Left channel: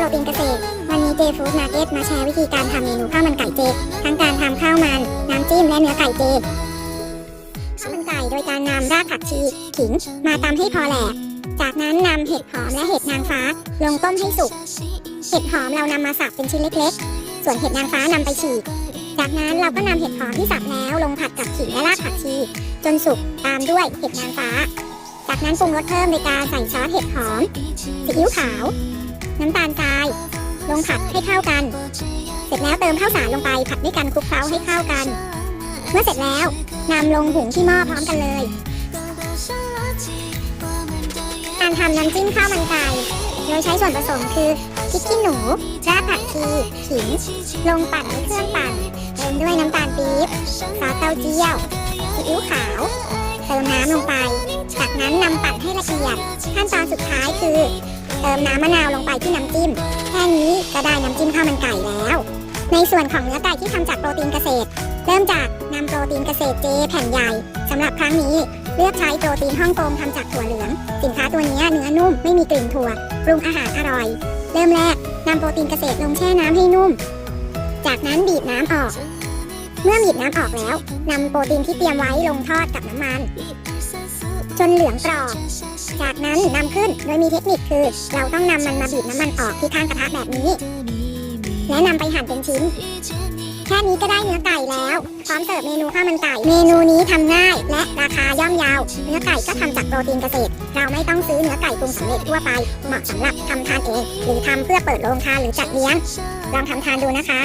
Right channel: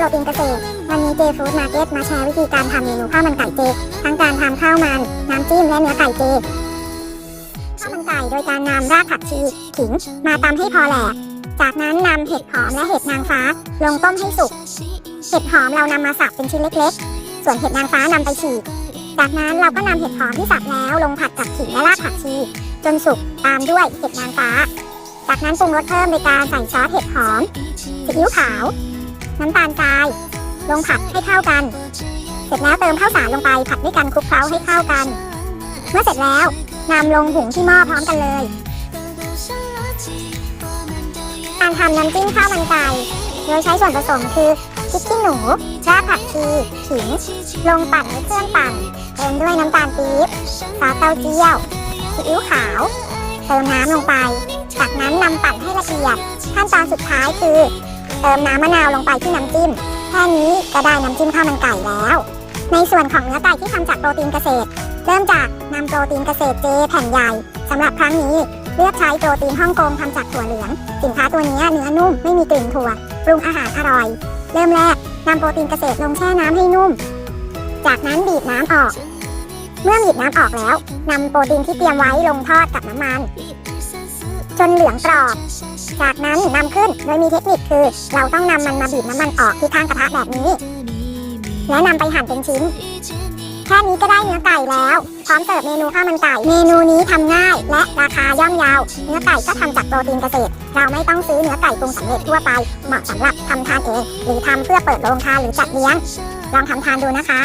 โปรตีนเกษตรวันนี้เจฟู้ดมาร์เก็ตมาแชร์วิธีการทำเมนูข้าวมันไก่เจ ทั้งการทำข้าวมัน น้ำจิ้มและเนื้อไก่เจข้าวมันไก่โดยการนำรากผักชีขิงมาตำให้พอแหลกจากนั้นนำเห็ดหอมและเห็ดนางฟ้า ลงต้มให้สุก เห็ดหอมเรานำมาสับเป็นชิ้นเล็กๆ ส่วนเห็ดนางฟ้านำไปฉีก จากนั้นเราก็นำเห็ดหอมที่สับแล้วลงผัดกับขิงและรากผักชี จนสุกตามด้วยเห็ดนางฟ้า จากนั้นปรุงรสเพิ่มในการใส่ซอสเห็ดหอมซีอิ๊วขาว น้ำตาลทราย ลงผัดให้เข้ากัน เสร็จแล้วเติมข้าวสารลงไปผัดด้วยกันคลุกเคล้าให้เข้ากัน เมื่อเสร็จแล้วนำลงหุงที่หม้อพร้อมกันเลยการทำน้ำจิ้มข้าวมันไก่เราใช้ส่วนผสมคือพริกขี้หนูราผักชีขิง ลงปั่นในเครื่องปั่นเติมด้วยน้ำตาลปี๊บซอสเต้าเจี้ยวซีอิ๊วขาวเติมน้ำลงไป จากนั้นนำปั่นให้ละเอียดขั้นตอนสุดท้ายคือ เติมน้ำมะนาวลงไปที่น้ำจิ้ม แค่นี้ก็ได้น้ำจิ้มข้าวมันไก่แล้ว ในส่วนของเนื้อไก่ที่ทำจากโปรตีนเกษตร เริ่มจากนำโปรตีนเกษตรเจแผ่นใหญ่สำหรับครั้งนี้เลือกใช้โปรตีนฮ่องกงทำจากถั่วเหลือง สินค้าตัวนี้เนื้อนุ่มไม่มีกลิ่นถั่วปรุงอาหารอร่อย เริ่มแรกนำโปรตีนเกษตรลงแช่น้ำให้นุ่ม จากนั้นบีบน้ำออก เมื่อบีบน้ำออกแล้วนำโปรตีนที่เตรียมไว้ลงทอดกับน้ำมัน จนเหลืองกรอบ จากนั้นนำขึ้นโดยมีเทคนิคคือ เราต้องนำมันมาบีบน้ำมันออกที่ข้างกระทะแบบนี้ แล้วนำไปหั่นเป็นชิ้น แค่นี้ก็ได้เนื้อไก่แล้ว พร้อมเสิร์ฟเมนูข้าวมันไก่ เมนูนี้ทำง่ายและราคาย่อมเยาว เนื้อไก่ก็ทำจากโปรตีนเกษตร เราไม่ต้องซื้อเนื้อไก่ปรุงสำเร็จทั่วไปเหมาะสำหรับทำทานเองหรือทำเพื่อเปิดโรงทานหรือจัดเลี้ยงลองทำทานดูนะคะ